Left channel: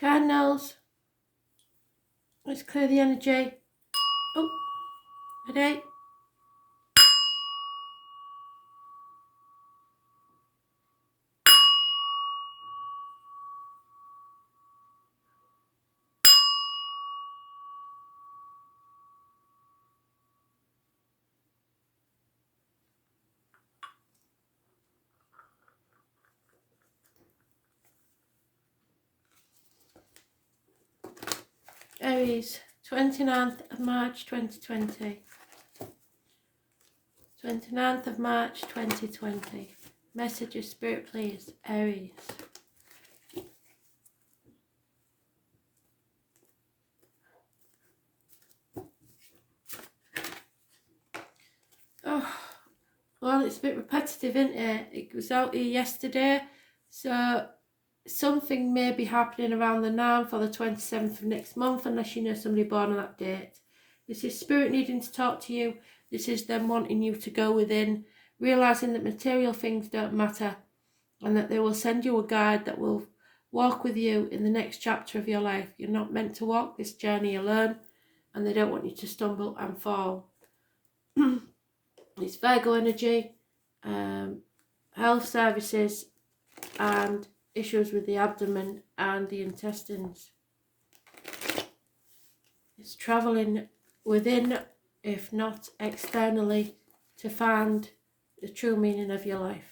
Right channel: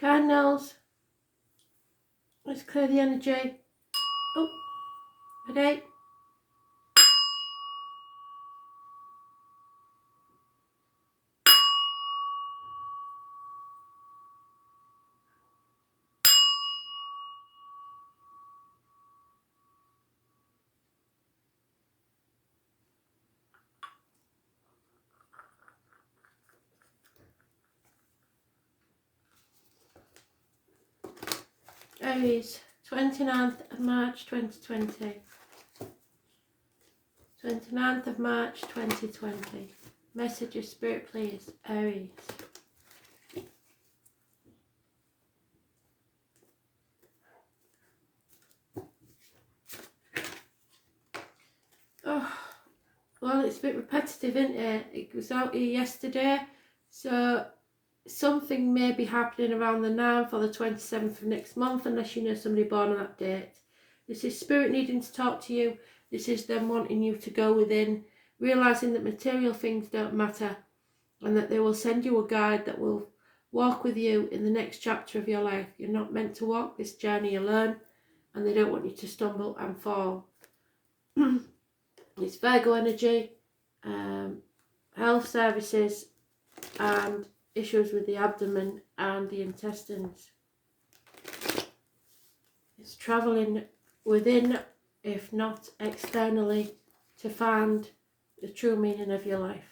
Cardinals, let's clear the energy. Oh, ready? Aries, 29th of March 2020. 29th of March 2020. Message of Spirit, please. Aries. Oh, well, it's a bit repetitive, isn't it? It was out here yesterday, so something may be happening around the 9th or the 27th of next month, unless you know somebody born on that date. This is Spirit needing to talk to you. This is them wanting you to go within, realising that material things don't matter, and that they will send you a guide that will walk with you in the next chapter of your life. You're not meant to walk this journey alone, and they don't want you to stumble and fall. It's Virgo energy, health services, and issues with the abdomen and the intestines. It's travelling within, if not externally, to find the true meaning of your life.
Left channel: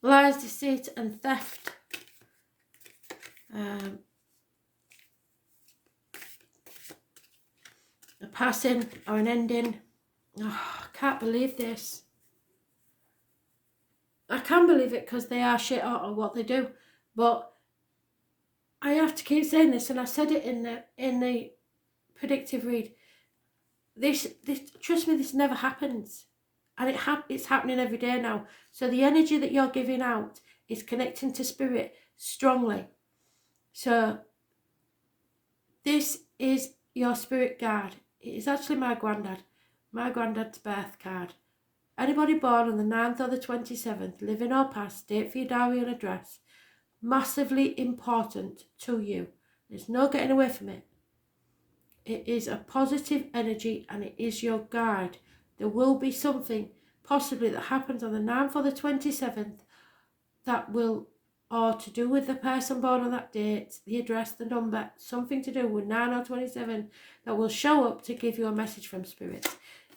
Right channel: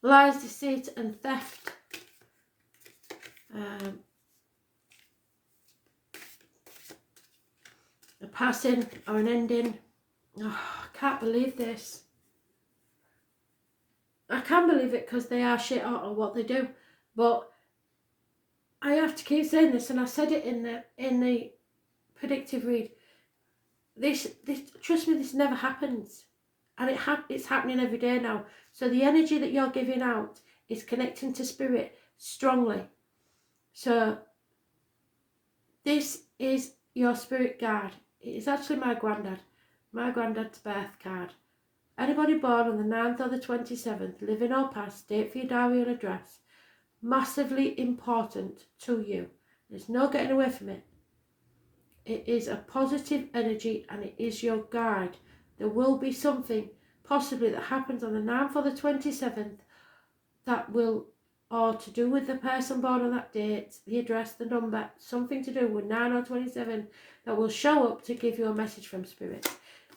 Lies, deceit and theft. A passing or an ending. Oh, I can't believe this. I can believe it because they are shit out of what they do. But I have to keep saying this, and I said it in the predictive read. This trust me, this never happens. And it's happening every day now. So the energy that you're giving out is connecting to Spirit strongly. So this is your spirit guide. It is actually my granddad's birth card. Anybody born on the 9th or the 27th, living or past, date for your diary and address, massively important to you. There's no getting away from it. It is a positive energy and it is your guide. There will be something possibly that happens on the 9th or the 27th that will, or to do with the person born on that date, the address, the number, something to do with 9 or 27 that will show up to give you a message from Spirit.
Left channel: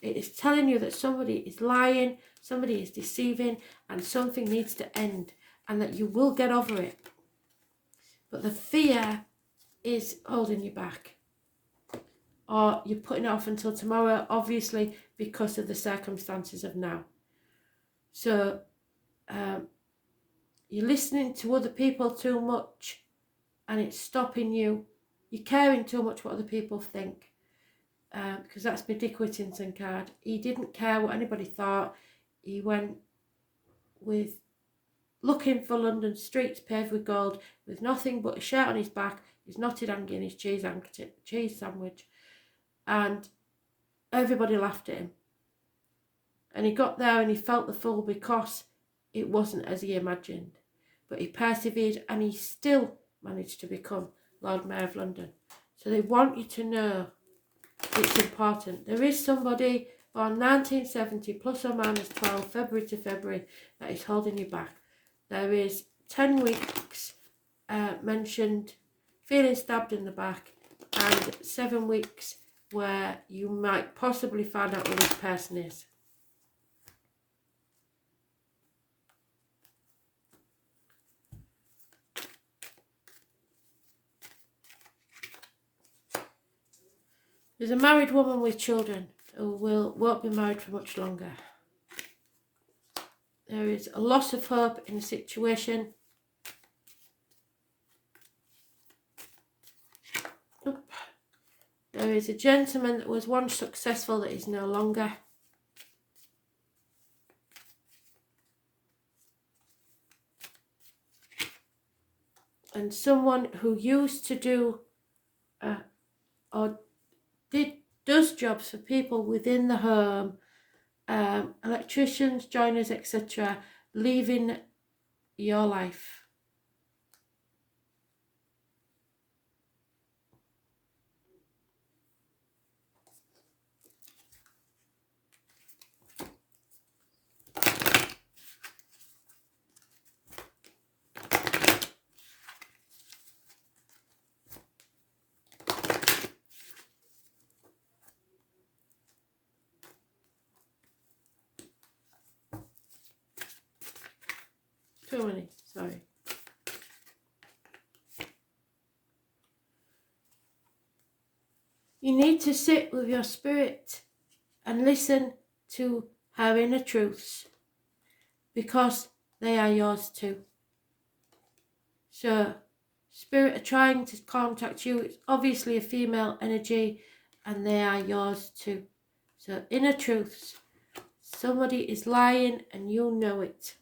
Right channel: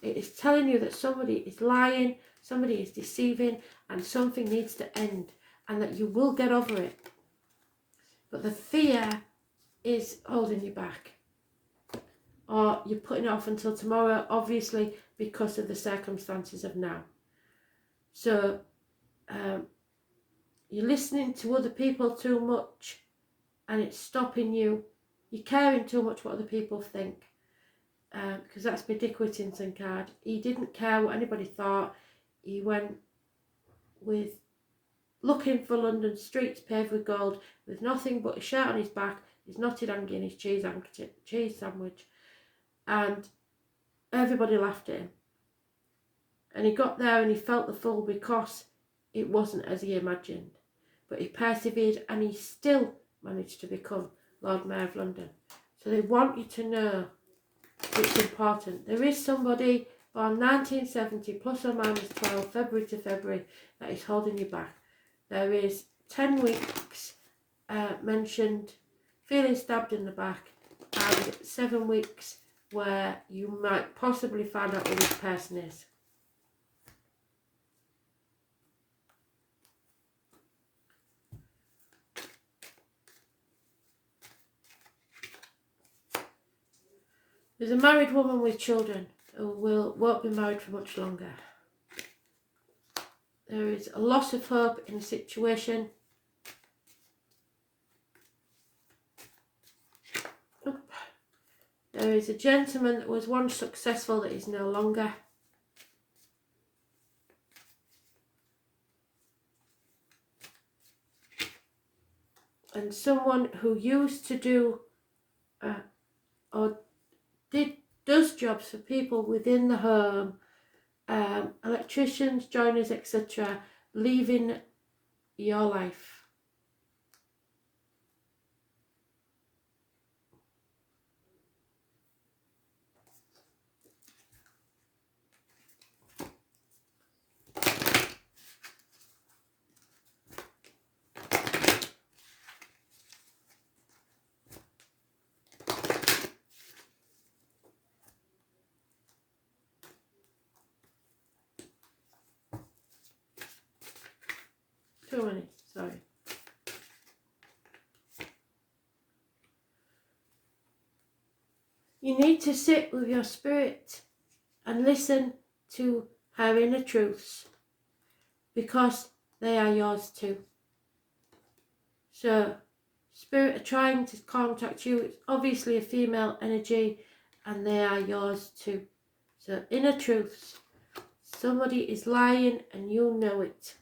It is telling you that somebody is lying, somebody is deceiving, and something needs to end, and that you will get over it. But the fear is holding you back. Or you're putting it off until tomorrow, obviously, because of the circumstances of now. So, you're listening to other people too much, and it's stopping you. You're caring too much what other people think. Because that's my Dick Whittington card. He didn't care what anybody thought. He went with looking for London streets paved with gold, with nothing but a shirt on his back, his knotted hanger and his cheese sandwich. And everybody laughed at him. And he got there and he felt the fool because it wasn't as he imagined. But he persevered and he still managed to become Lord Mayor of London. So they want you to know it's important. There is somebody born 1970 plus or minus 12, February to February, that is holding you back. There is 10 weeks mentioned feeling stabbed in the back, and 7 weeks where you might possibly find out who this person is. There's a married woman with children who won't be married for much longer. There is a loss of hope in a situation. There is a gentleman that was once successful that is no longer. And someone who used to do or jobs for people within the home, electricians, joiners, etc., leaving your life. Too many, sorry. You need to sit with your spirit and listen to her inner truths, because they are yours too. So, spirit are trying to contact you. It's obviously a female energy, and they are yours too. So, inner truths. Somebody is lying and you know it.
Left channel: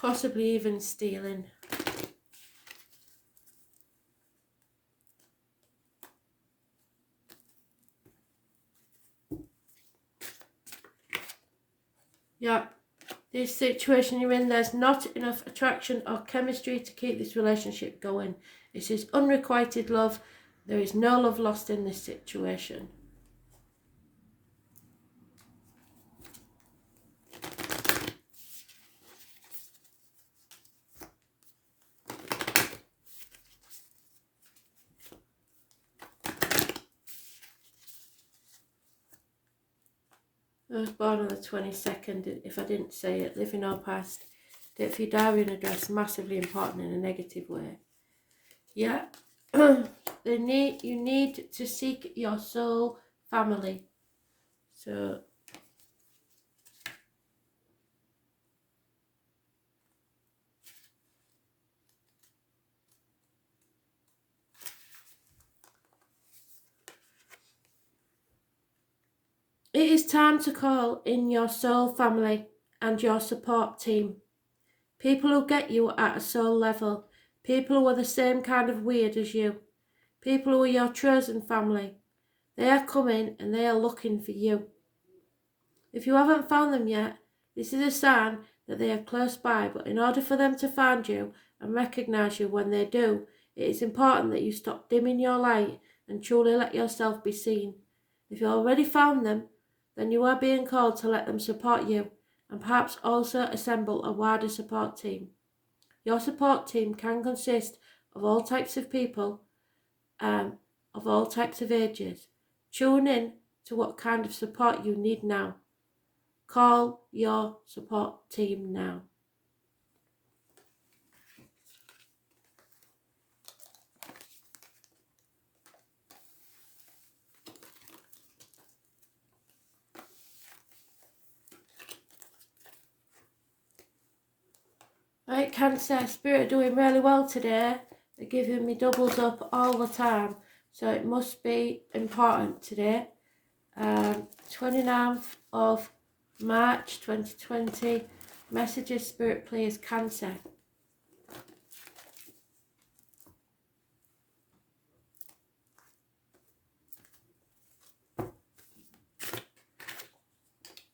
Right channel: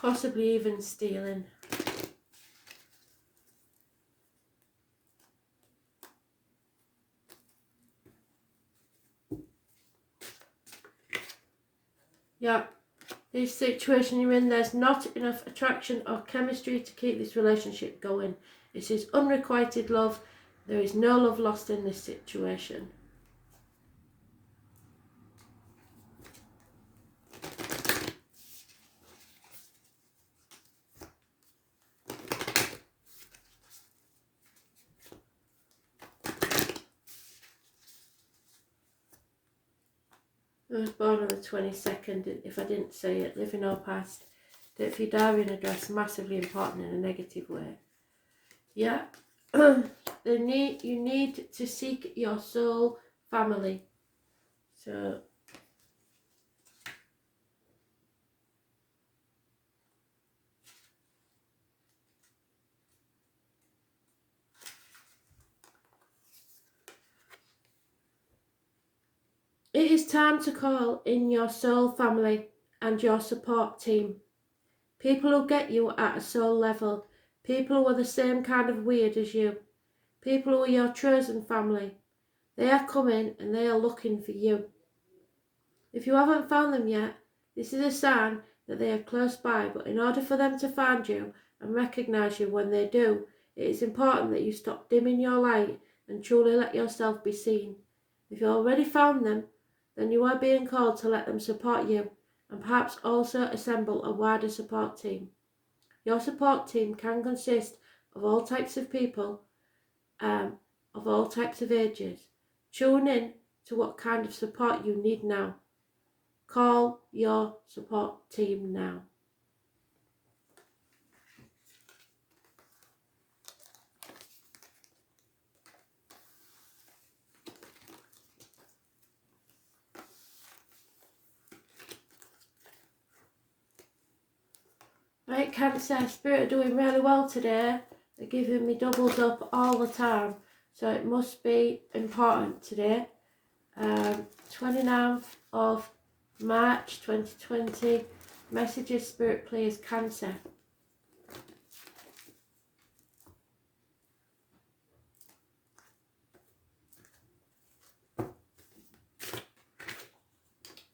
Possibly even stealing. Yeah, this situation you're in, there's not enough attraction or chemistry to keep this relationship going. This is unrequited love. There is no love lost in this situation. I was born on the 22nd, if I didn't say it, living or past. Date for your diary and address, massively important in a negative way. Yeah, you need to seek your soul family. So, it is time to call in your soul family and your support team. People who get you at a soul level. People who are the same kind of weird as you. People who are your chosen family. They are coming and they are looking for you. If you haven't found them yet, this is a sign that they are close by, but in order for them to find you and recognise you when they do, it is important that you stop dimming your light and truly let yourself be seen. If you already found them, then you are being called to let them support you and perhaps also assemble a wider support team. Your support team can consist of all types of people, of all types of ages. Tune in to what kind of support you need now. Call your support team now. Right, Cancer, Spirit are doing really well today. They're giving me doubles up all the time, so it must be important today. 29th of March 2020. Messages, Spirit, please, Cancer.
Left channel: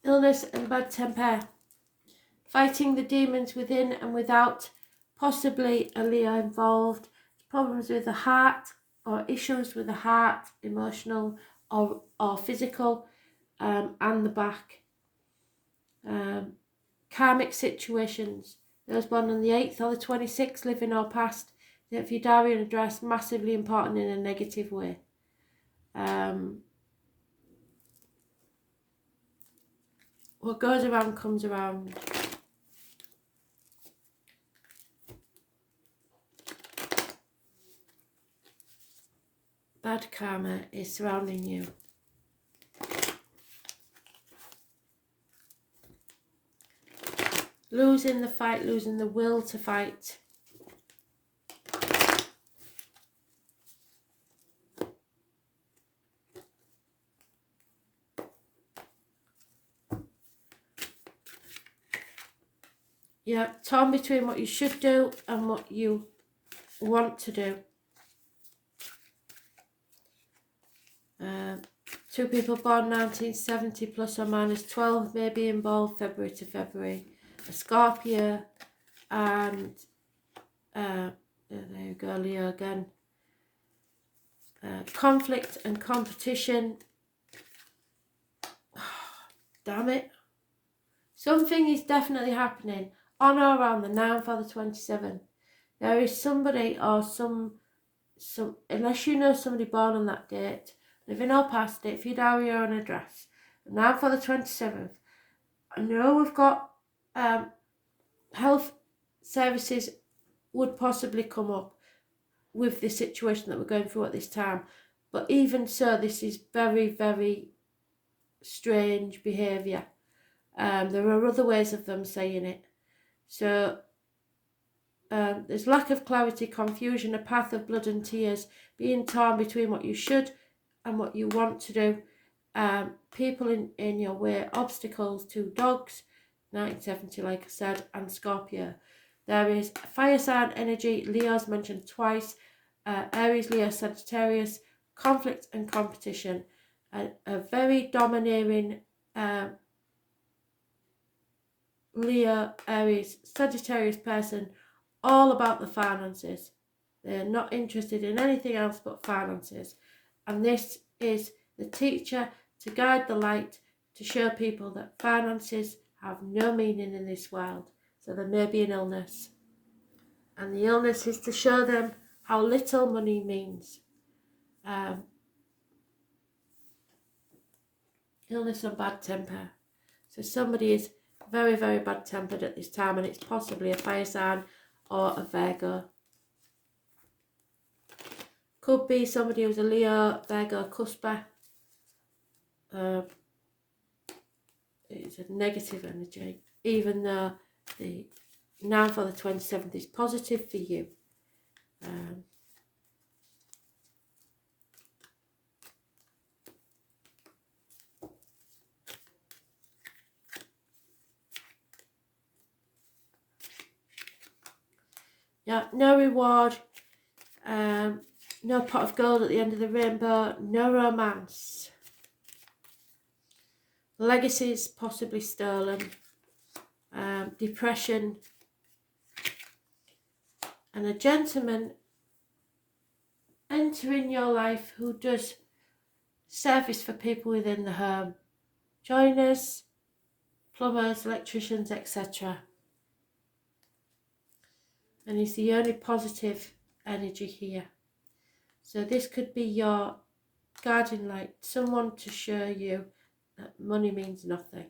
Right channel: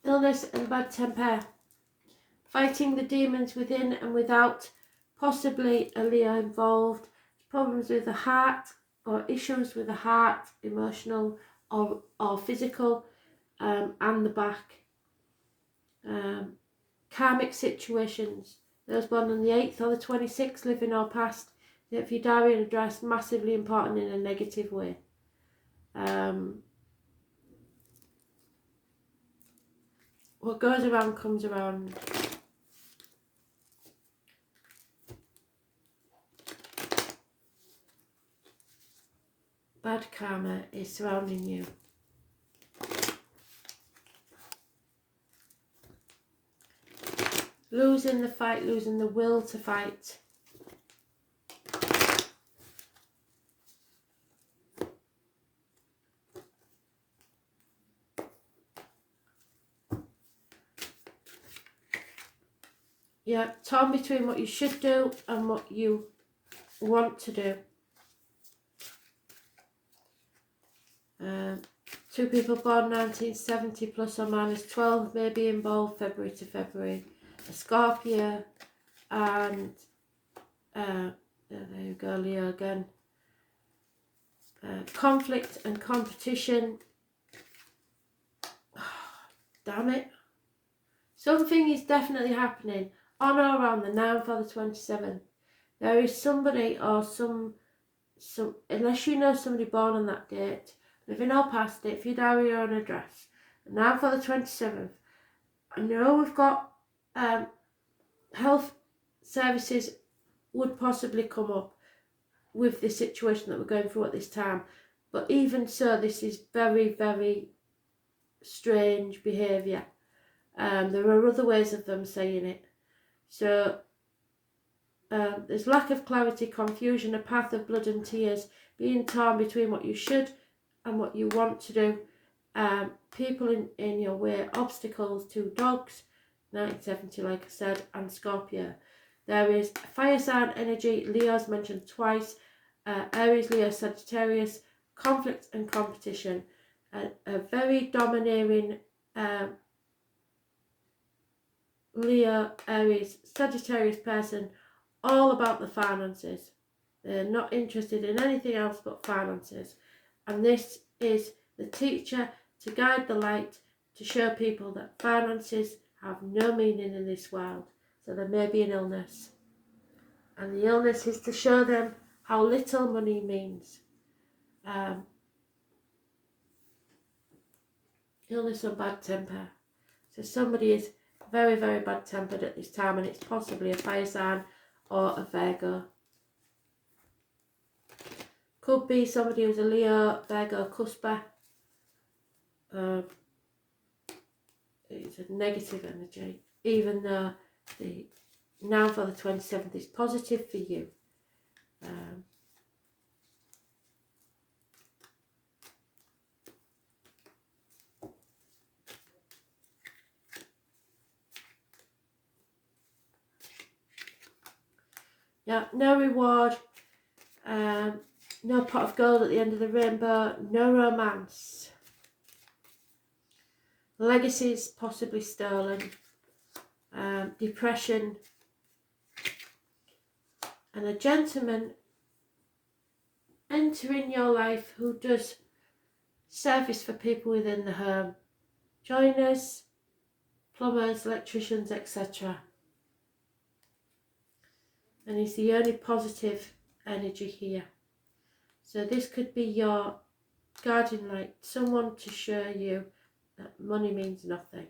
Illness and bad temper. Fighting the demons within and without, possibly a Leo involved. Problems with the heart or issues with the heart, emotional or physical, and the back. Karmic situations. Those born on the 8th or the 26th, living or past. If your diary and address, massively important in a negative way. What goes around comes around. Bad karma is surrounding you. Losing the fight, losing the will to fight. Yeah, torn between what you should do and what you want to do. Two people born 1970 plus or minus 12 may be involved February to February. A Scorpio and there you go, Leo again. Conflict and competition. Damn it. Something is definitely happening on or around the 9th or the 27th. There is somebody or some unless you know somebody born on that date, living or past it, if you diary your own address, the 9th or the 27th. I know we've got health services would possibly come up with the situation that we're going through at this time, but even so, this is very, very strange behaviour. There are other ways of them saying it. So there's lack of clarity, confusion, a path of blood and tears, being torn between what you should and what you want to do. People in your way, obstacles, two dogs, 1970 like I said, and Scorpio. There is fire sign energy, Leo's mentioned twice, Aries, Leo, Sagittarius, conflict and competition. A very domineering Leo, Aries, Sagittarius person, all about the finances. They're not interested in anything else but finances. And this is the teacher to guide the light, to show people that finances have no meaning in this world. So there may be an illness. And the illness is to show them how little money means. Illness or bad temper. So somebody is very, very bad tempered at this time, and it's possibly a fire sign or a Virgo. Could be somebody who's a Leo, Virgo, cusper. It's a negative energy, even though the 9th or the 27th is positive for you. Yeah, no reward, no pot of gold at the end of the rainbow, no romance. Legacies possibly stolen, depression, and a gentleman entering your life who does service for people within the home. Joiners, plumbers, electricians, etc. And he's the only positive energy here. So this could be your guardian light, someone to show you that money means nothing.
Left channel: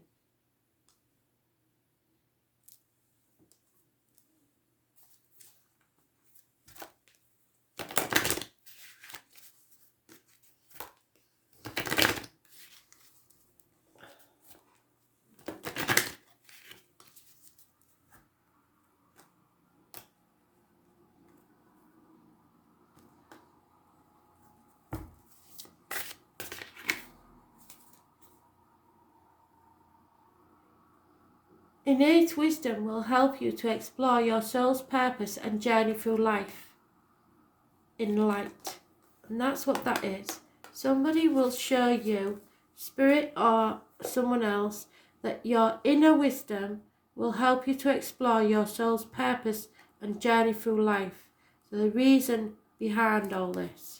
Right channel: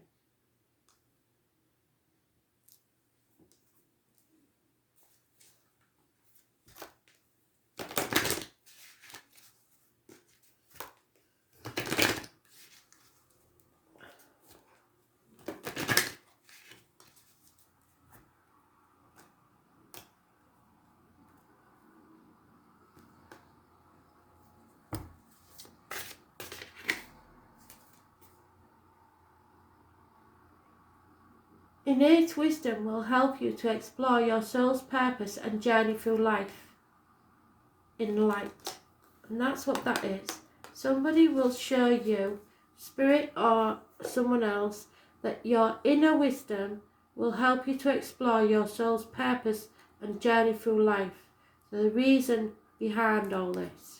Innate wisdom will help you to explore your soul's purpose and journey through life in light. And that's what that is. Somebody will show you, spirit or someone else, that your inner wisdom will help you to explore your soul's purpose and journey through life. So the reason behind all this.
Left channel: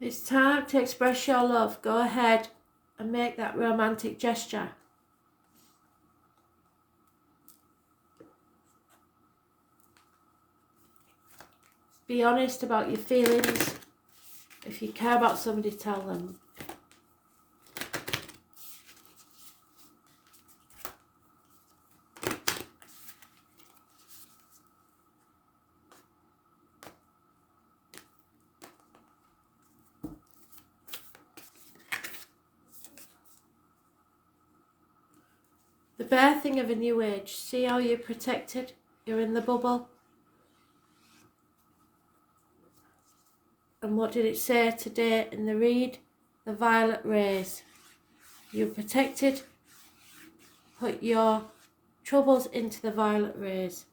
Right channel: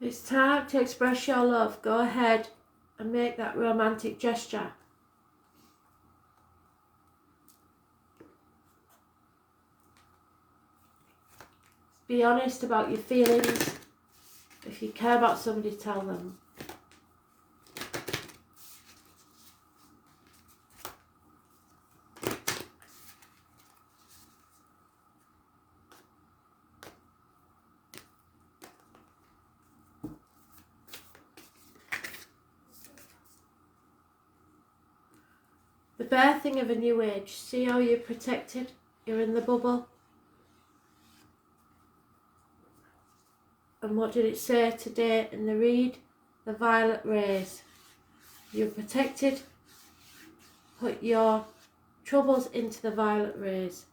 It's time to express your love. Go ahead and make that romantic gesture. Be honest about your feelings. If you care about somebody, tell them. birthing of a new age. See how you're protected? You're in the bubble. And what did it say today in the read? The violet rays. You're protected. Put your troubles into the violet rays.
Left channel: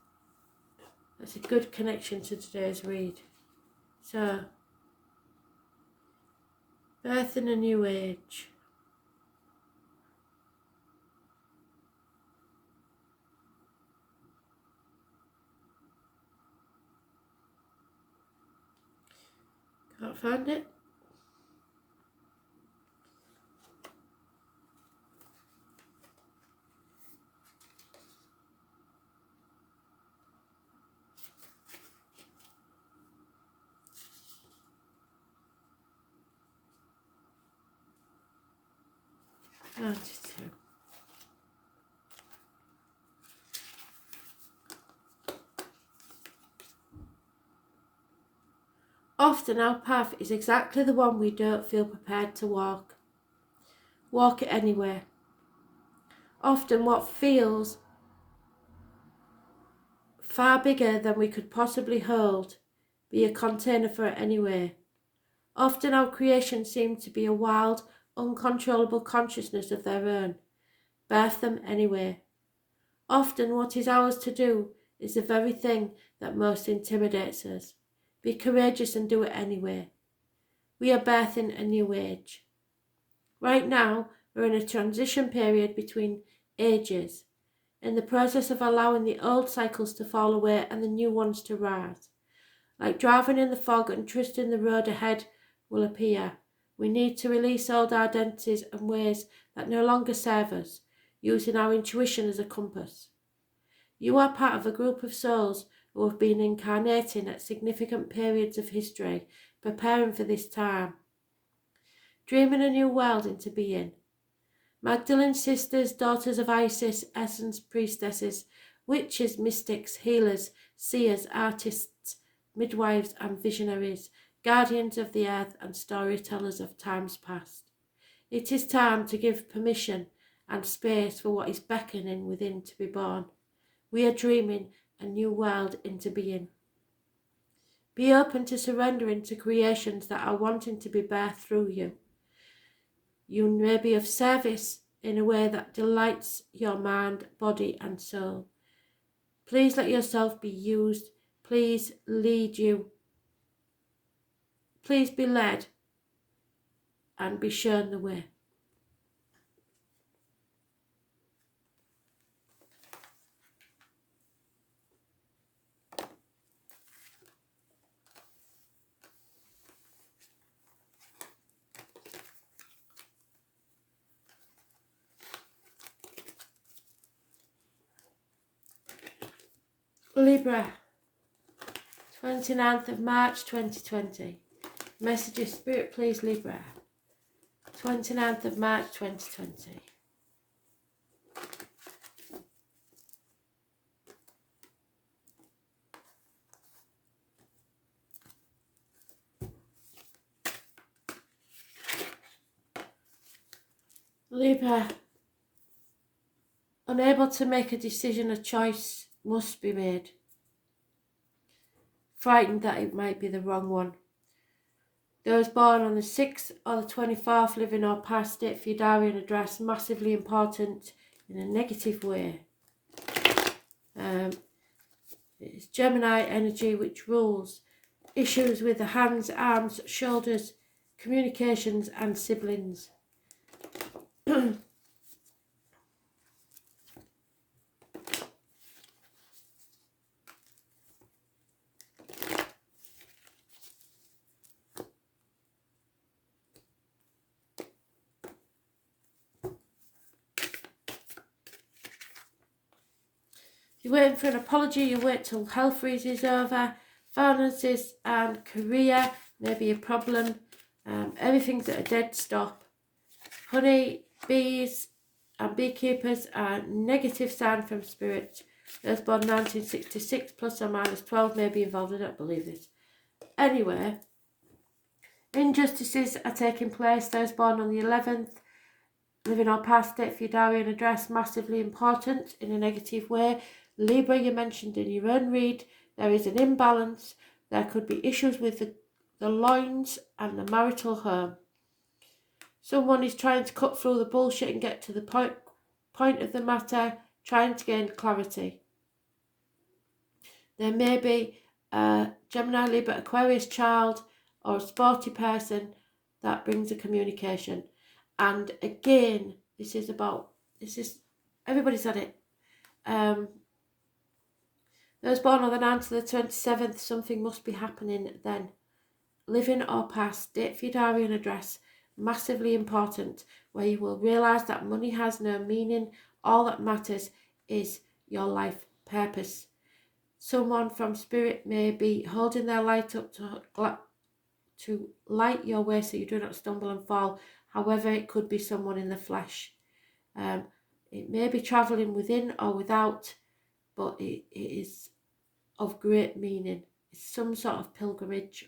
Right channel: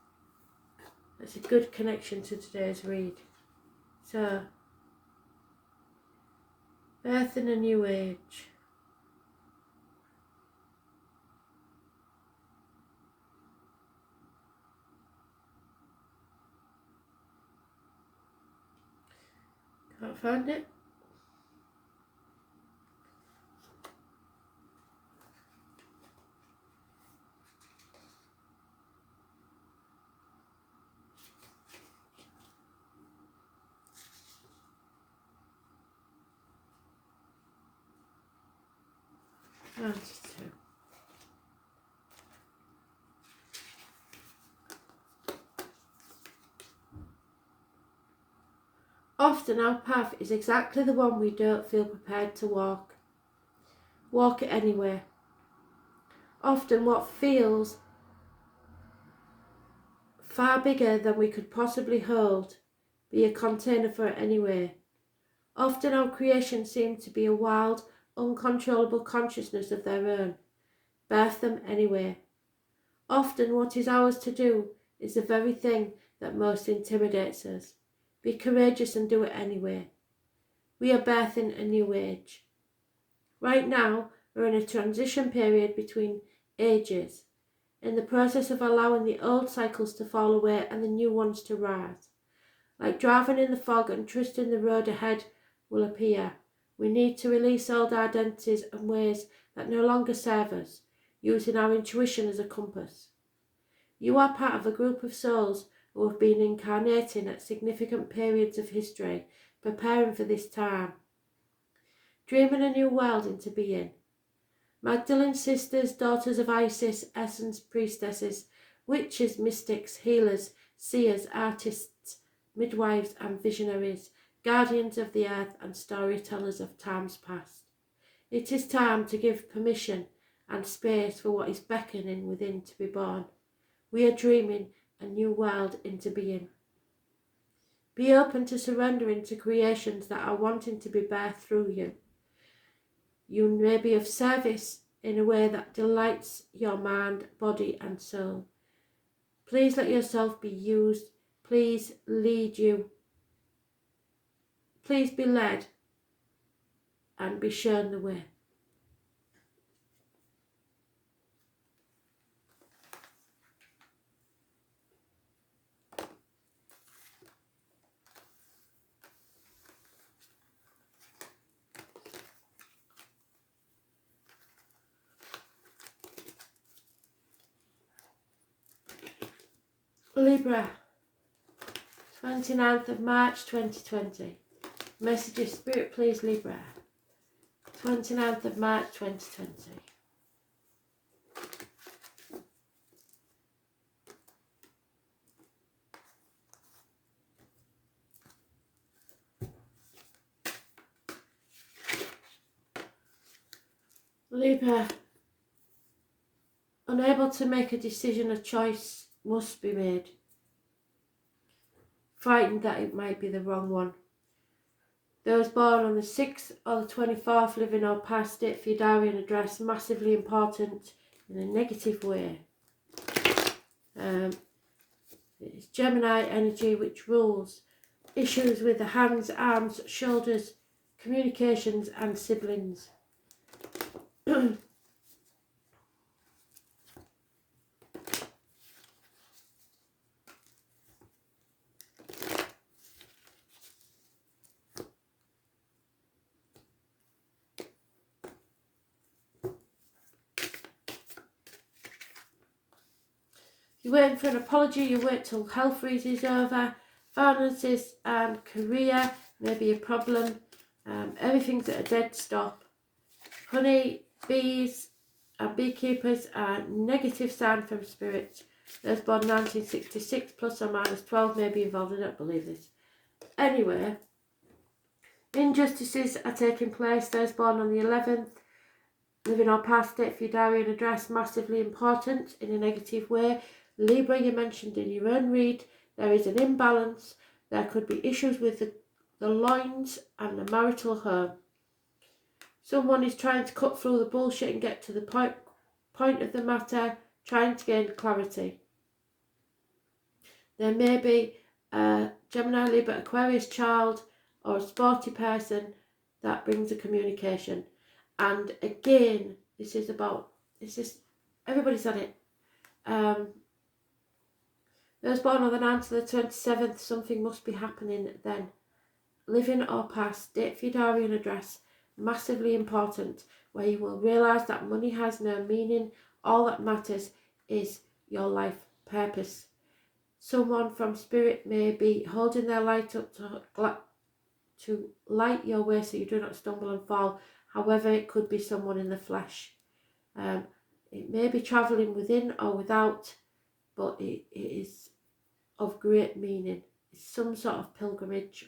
That's a good connection to today's read. So, birthing a new age. Can't find it. Oh, just two. Often our path is exactly the one we don't feel prepared to walk. Walk it anyway. Often what feels far bigger than we could possibly hold, be a container for it anyway. Often our creations seem to be a wild, uncontrollable consciousness of their own. Birth them anyway. Often what is ours to do is the very thing that most intimidates us. Be courageous and do it anyway. We are birthing a new age. Right now, we're in a transition period between ages, in the process of allowing the old cycles to fall away and the new ones to rise. Like driving in the fog and trusting the road ahead will appear. We need to release old identities and ways that no longer serve us, using our intuition as a compass. You are part of a group of souls who have been incarnating at significant periods of history, preparing for this time. Dreaming a new world into being. Magdalene sisters, daughters of Isis, essence priestesses, witches, mystics, healers, seers, artists, midwives and visionaries, guardians of the earth and storytellers of times past. It is time to give permission and space for what is beckoning within to be born. We are dreaming a new world into being. Be open to surrendering to creations that are wanting to be birthed through you. You may be of service in a way that delights your mind, body and soul. Please let yourself be used. Please lead you. Please be led and be shown the way. Libra, 29th of March 2020. Message of Spirit, please, Libra. 29th of March 2020. Libra, unable to make a decision, a choice must be made. Frightened that it might be the wrong one. Those born on the 6th or the 24th, living or past date for your diary and address, massively important in a negative way. It's Gemini energy which rules issues with the hands, arms, shoulders, communications and siblings. You're waiting for an apology, you wait till health freeze is over, finances and career may be a problem, everything's at a dead stop. Honey, bees and beekeepers are negative sign from spirit. Those born 1966 plus or minus 12 may be involved, I don't believe this. Anyway, injustices are taking place, those born on the 11th, Living or past, date for your diary and address, massively important in a negative way. Libra, you mentioned in your own read, there is an imbalance. There could be issues with the loins and the marital home. Someone is trying to cut through the bullshit and get to the point of the matter, trying to gain clarity. There may be a Gemini, Libra, Aquarius child or a sporty person that brings a communication. And again, everybody's had it. Those born on the 9th to the 27th, something must be happening then. Living or past, date for your diary and address, massively important, where you will realise that money has no meaning. All that matters is your life purpose. Someone from spirit may be holding their light up to light your way so you do not stumble and fall. However, it could be someone in the flesh. It may be travelling within or without, but it is of great meaning. It's some sort of pilgrimage,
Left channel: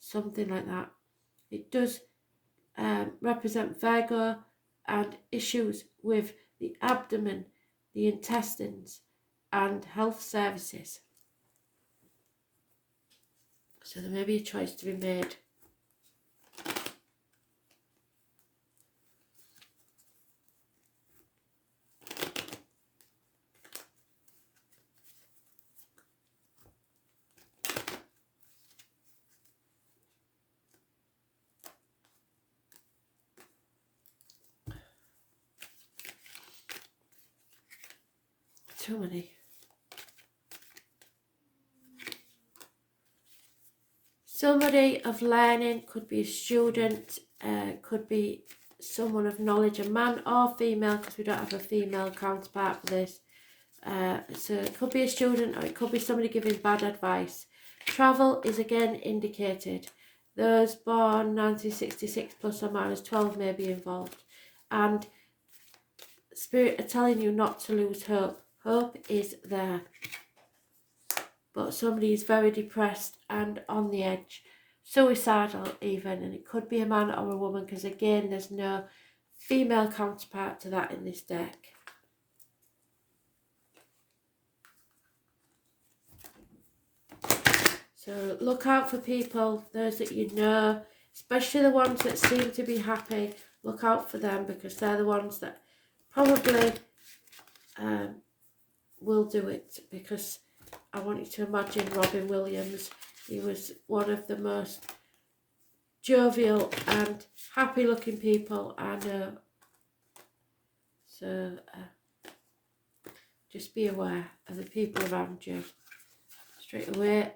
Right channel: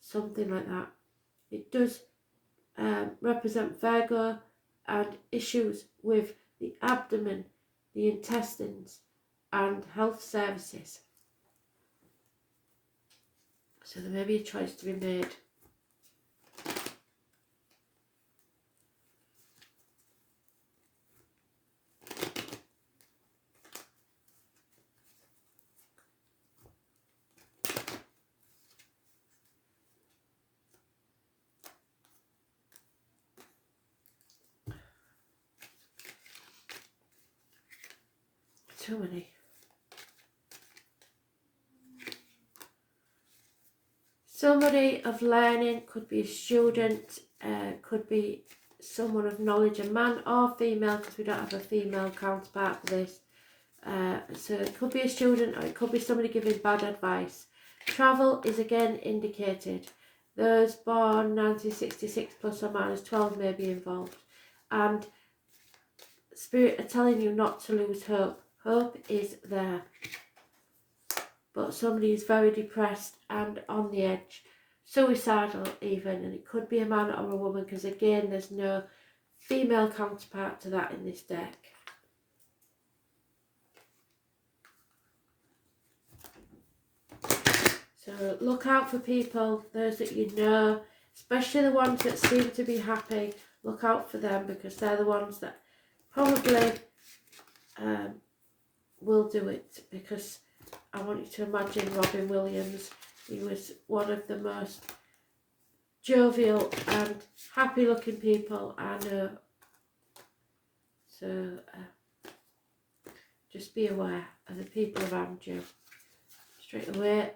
something like that. It does represent Virgo and issues with the abdomen, the intestines, and health services. So there may be a choice to be made. Too many. Somebody of learning, could be a student, could be someone of knowledge, a man or female, because we don't have a female counterpart for this. So it could be a student or it could be somebody giving bad advice. Travel is again indicated. Those born 1966 plus or minus 12 may be involved. And Spirit are telling you not to lose hope. Hope is there. But somebody is very depressed and on the edge. Suicidal even. And it could be a man or a woman, because again there's no female counterpart to that in this deck. So look out for people, those that you know, especially the ones that seem to be happy. Look out for them, because they're the ones that probably will do it. Because I want you to imagine Robin Williams. He was one of the most jovial and happy looking people I know. So just be aware of the people around you. Straight away.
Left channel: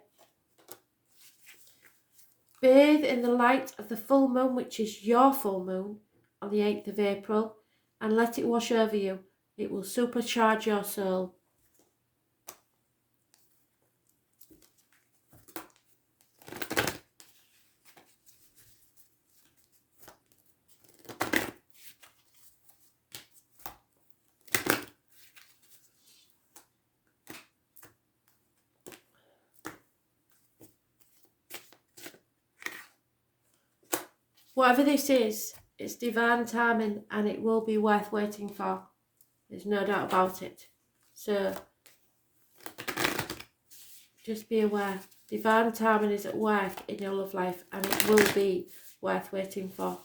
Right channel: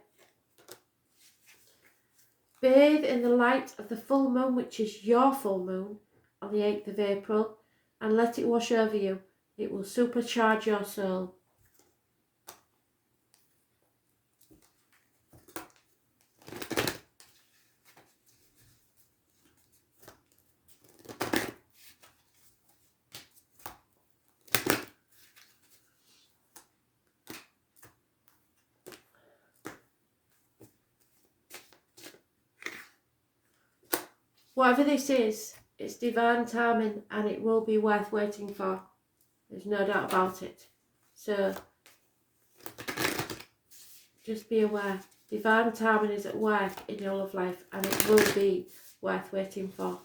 Bathe in the light of the full moon, which is your full moon, on the 8th of April, and let it wash over you. It will supercharge your soul. Whatever this is, it's divine timing and it will be worth waiting for. There's no doubt about it. So, just be aware. Divine timing is at work in your love life and it will be worth waiting for.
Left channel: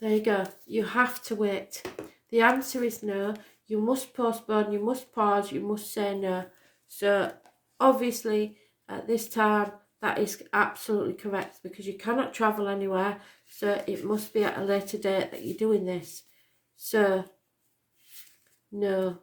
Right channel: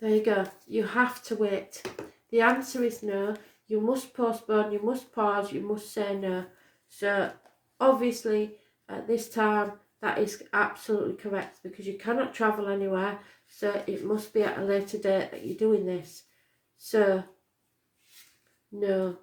There you go. You have to wait. The answer is no. You must postpone, you must pause, you must say no. So obviously at this time that is absolutely correct, because you cannot travel anywhere. So it must be at a later date that you're doing this. So no.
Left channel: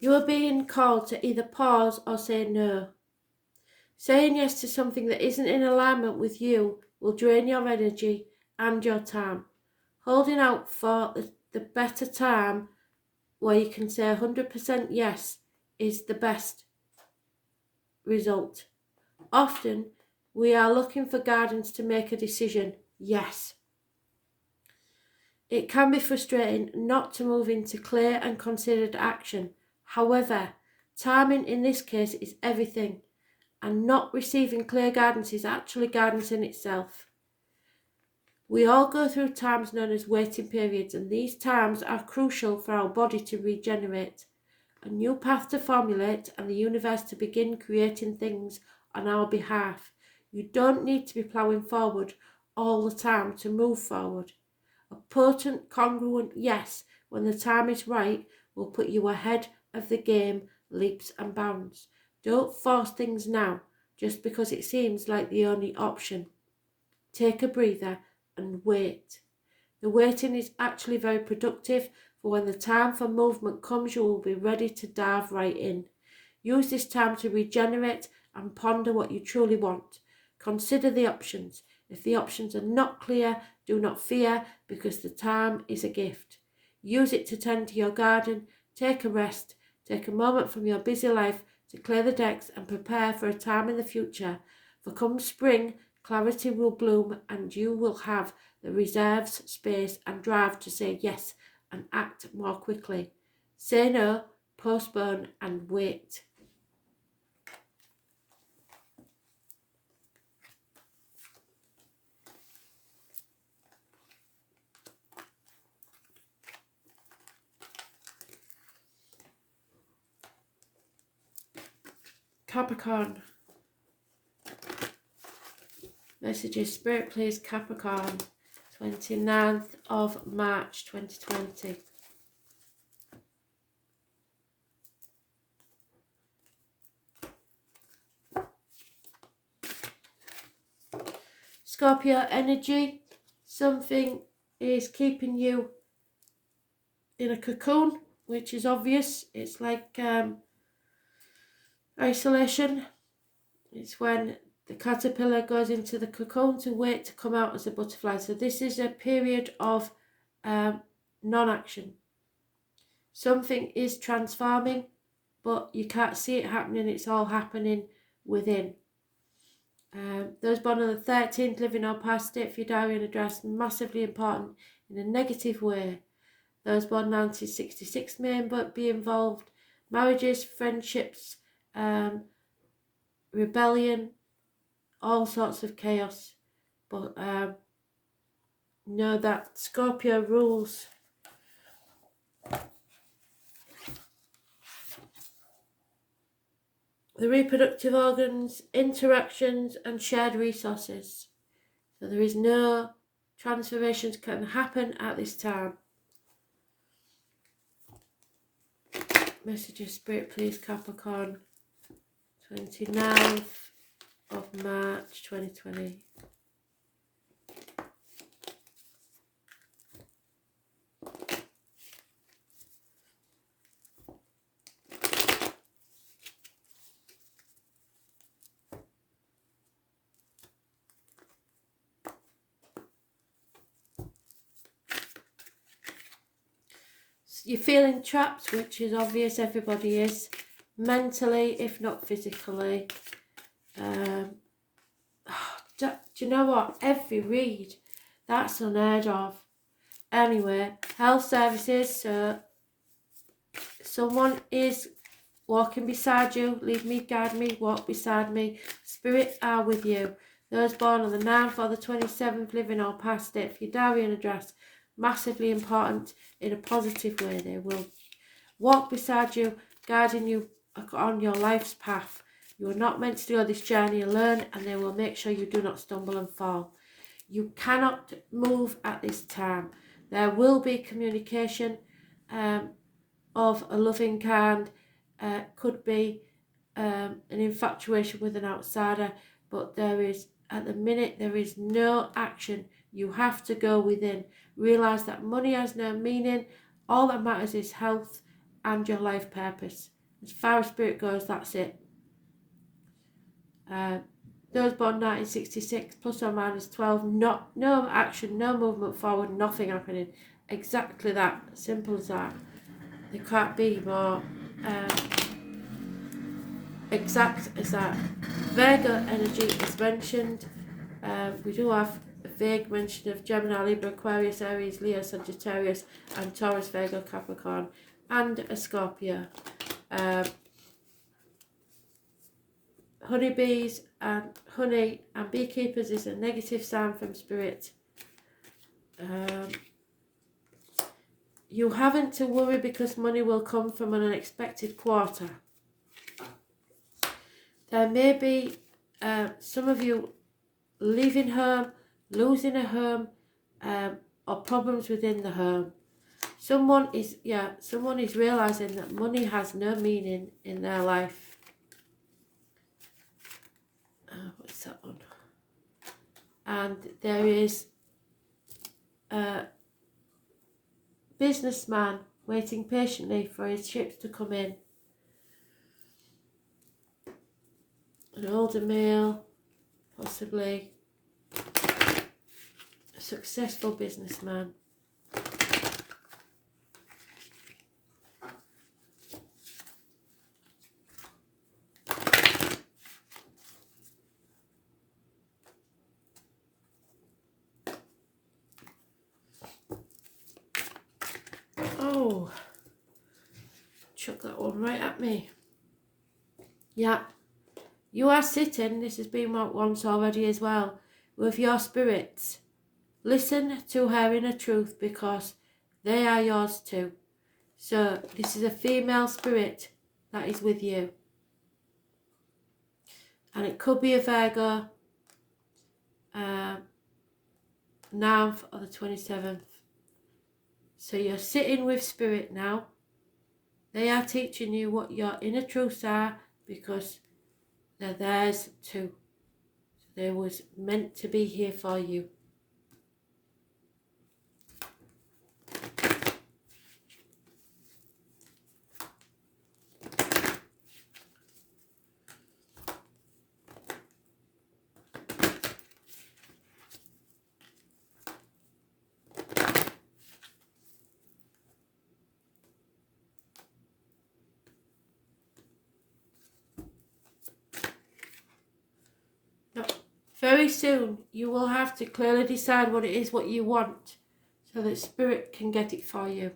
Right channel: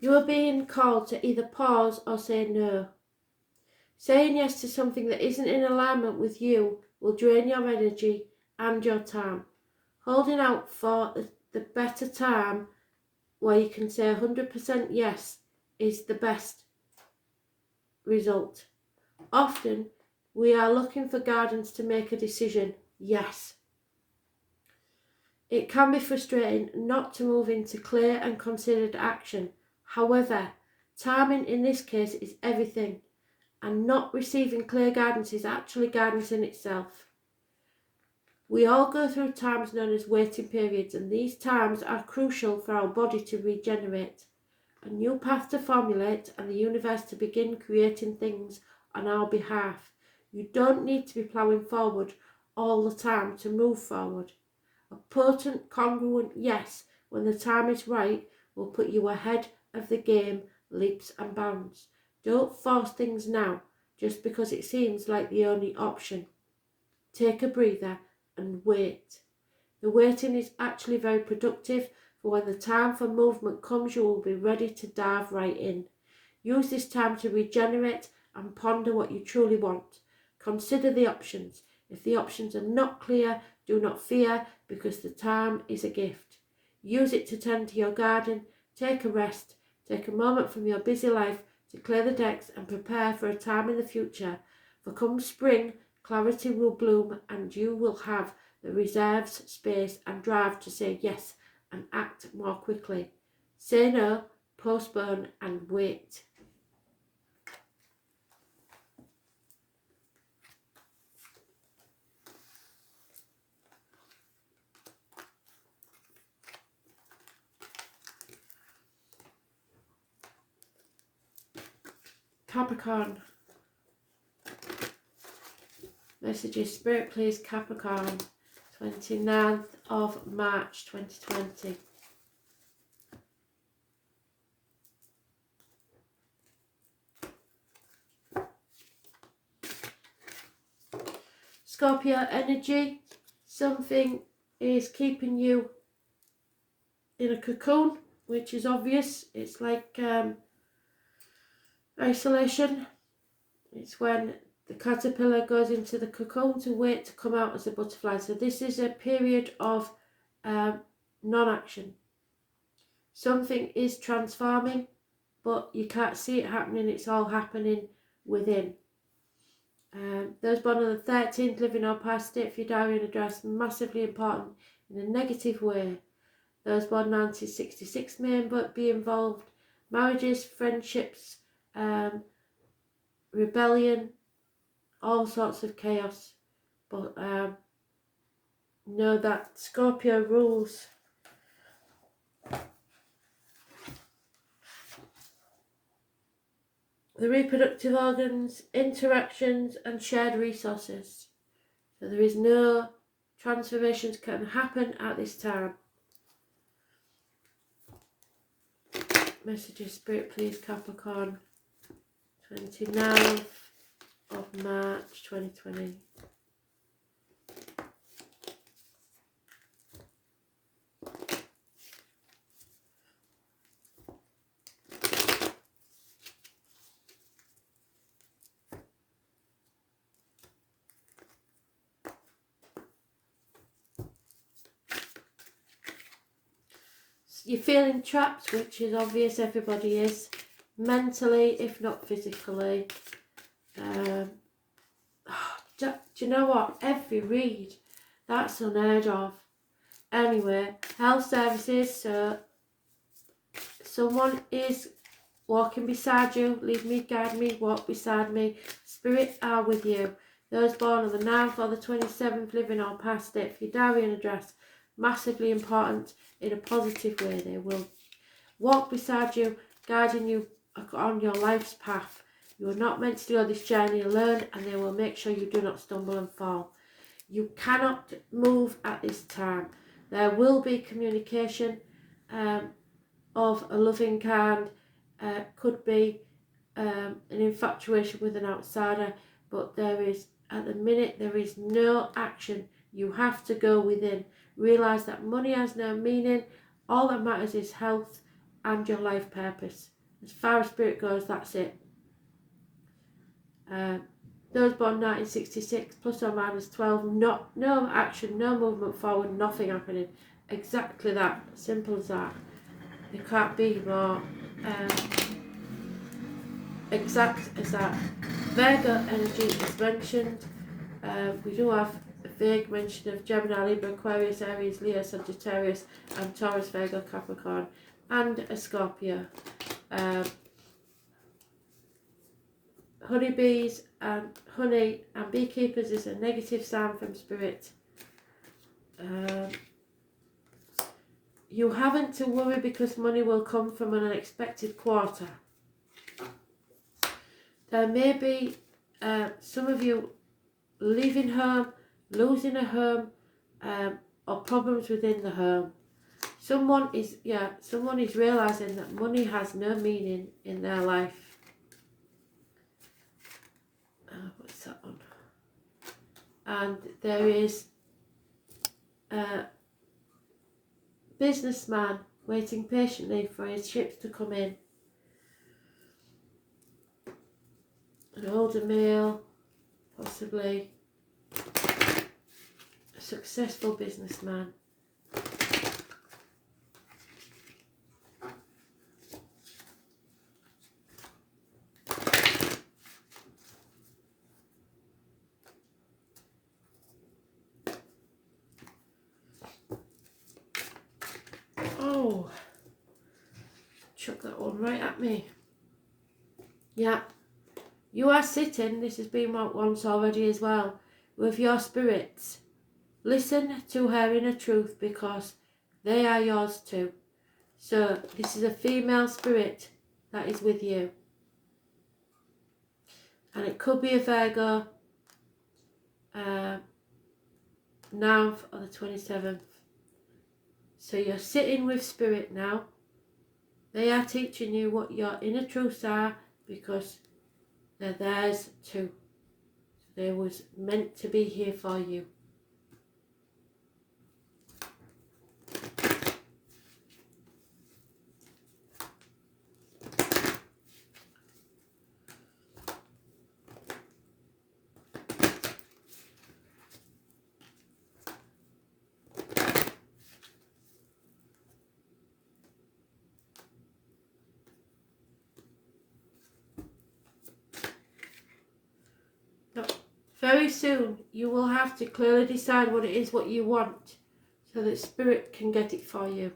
You are being called to either pause or say no. Saying yes to something that isn't in alignment with you will drain your energy and your time. Holding out for the better time where you can say 100% yes is the best result. Often, we are looking for guidance to make a decision, yes. It can be frustrating not to move into clear and considered action. However, timing in this case is everything, and not receiving clear guidance is actually guidance in itself. We all go through times known as waiting periods, and these times are crucial for our body to regenerate, a new path to formulate, and the universe to begin creating things on our behalf. You don't need to be ploughing forward all the time to move forward. A potent, congruent yes when the time is right will put you ahead of the game leaps and bounds. Don't force things now just because it seems like the only option. Take a breather and wait. The waiting is actually very productive, for when the time for movement comes, you will be ready to dive right in. Use this time to regenerate and ponder what you truly want. Consider the options. If the options are not clear, do not fear, because the time is a gift. Use it to tend to your garden, take a rest, take a moment from your busy life to clear the decks and prepare for a time in the future. For come spring, clarity will bloom and you will have the reserves, space and drive to say yes and act more quickly. Say no, postpone and wait. Capricorn. Messages, Spirit please, Capricorn. 29th of March 2020. Scorpio energy. Something is keeping you in a cocoon, which is obvious. It's like isolation. It's when the caterpillar goes into the cocoon to wait to come out as a butterfly. So this is a period of non-action. Something is transforming, but you can't see it happening. It's all happening within. Those born on the 13th, living or past it, if your diary and address, massively important in a negative way. Those born 1966 may be involved. Marriages, friendships, rebellion, all sorts of chaos. But know that Scorpio rules. The reproductive organs, interactions and shared resources. So there is no transformations can happen at this time. Messages, Spirit please, Capricorn. 29th of March 2020. You're feeling trapped, which is obvious, everybody is, mentally if not physically. Do you know what? Every read, that's unheard of. Anyway, health services, so someone is walking beside you, lead me, guide me, walk beside me. Spirits are with you. Those born on the 9th or the 27th, living or past it, for your diary and address, massively important in a positive way. They will walk beside you, guiding you on your life's path. You are not meant to go this journey alone, and they will make sure you do not stumble and fall. You cannot move at this time. There will be communication of a loving kind, could be an infatuation with an outsider, but there is, at the minute, there is no action. You have to go within. Realise that money has no meaning. All that matters is health and your life purpose. As far as spirit goes, that's it. Those born 1966, plus or minus 12, no action, no movement forward, nothing happening. Exactly that, simple as that. There can't be more exact as that. Virgo energy is mentioned. We do have a vague mention of Gemini, Libra, Aquarius, Aries, Leo, Sagittarius, and Taurus, Virgo, Capricorn, and a Scorpio. Honeybees and honey and beekeepers is a negative sign from spirit. You haven't to worry because money will come from an unexpected quarter. There may be some of you leaving home, losing a home, or problems within the home. Someone is realizing that money has no meaning in their life. What's that one? And there is a businessman waiting patiently for his ships to come in. An older male, possibly a successful businessman. Oh, chuck that one right at me. Yeah, you are sitting, this has been once already as well, with your spirits. Listen to her inner truth because they are yours too. So this is a female spirit that is with you. And it could be a Virgo, 9th or the 27th. So you're sitting with spirit now. They are teaching you what your inner truths are because they're theirs too. They was meant to be here for you. Very soon you will have to clearly decide what it is what you want so that spirit can get it for you.